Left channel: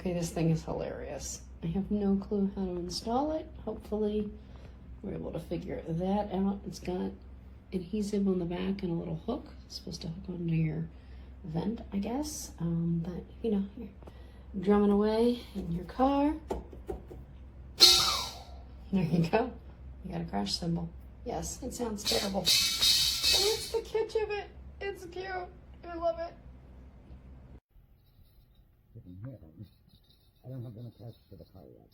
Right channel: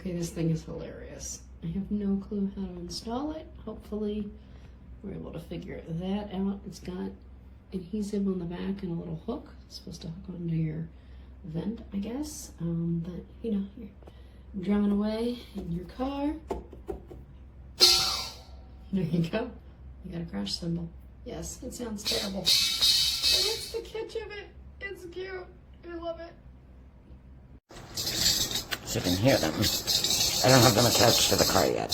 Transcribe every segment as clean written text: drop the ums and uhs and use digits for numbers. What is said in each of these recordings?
Okay, this thing is hilarious. I have no clue how to install it. Hopefully we're able to figure that out. It's got adhesive on the back and a little hook. It's supposed to hook onto your vent, I guess. But you know, you're drumming away in your car. There you go. You got a crash cymbal. Yes, it sounds terrible. But it's the catch of it. It's cute. I love it. So you can hear them. I don't have them attached to the car yet.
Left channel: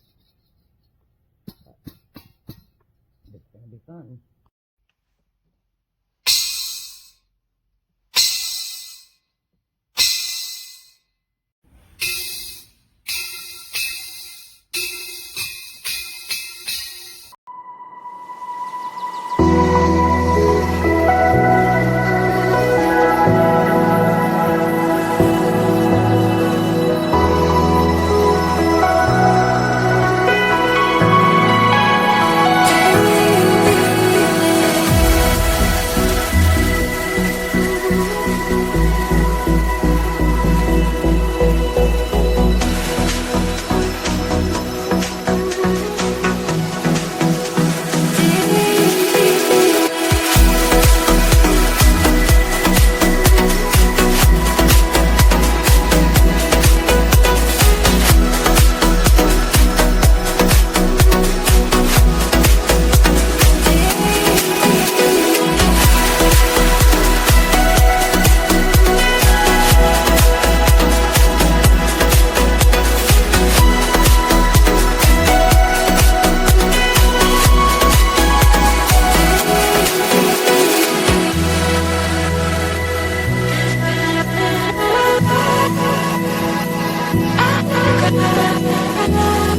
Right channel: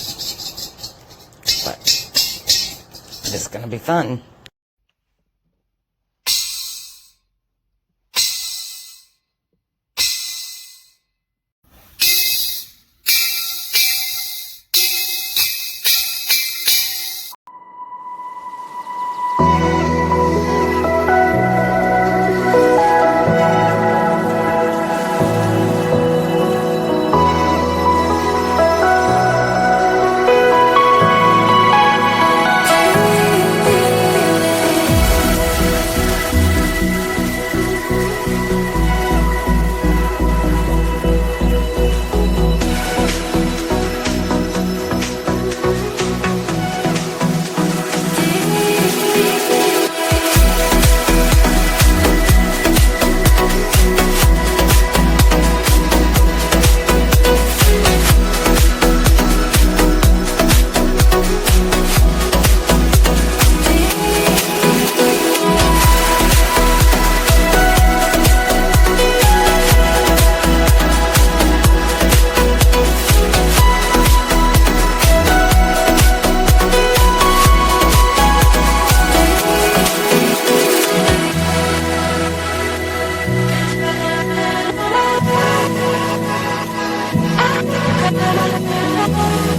But it's gonna be fun. I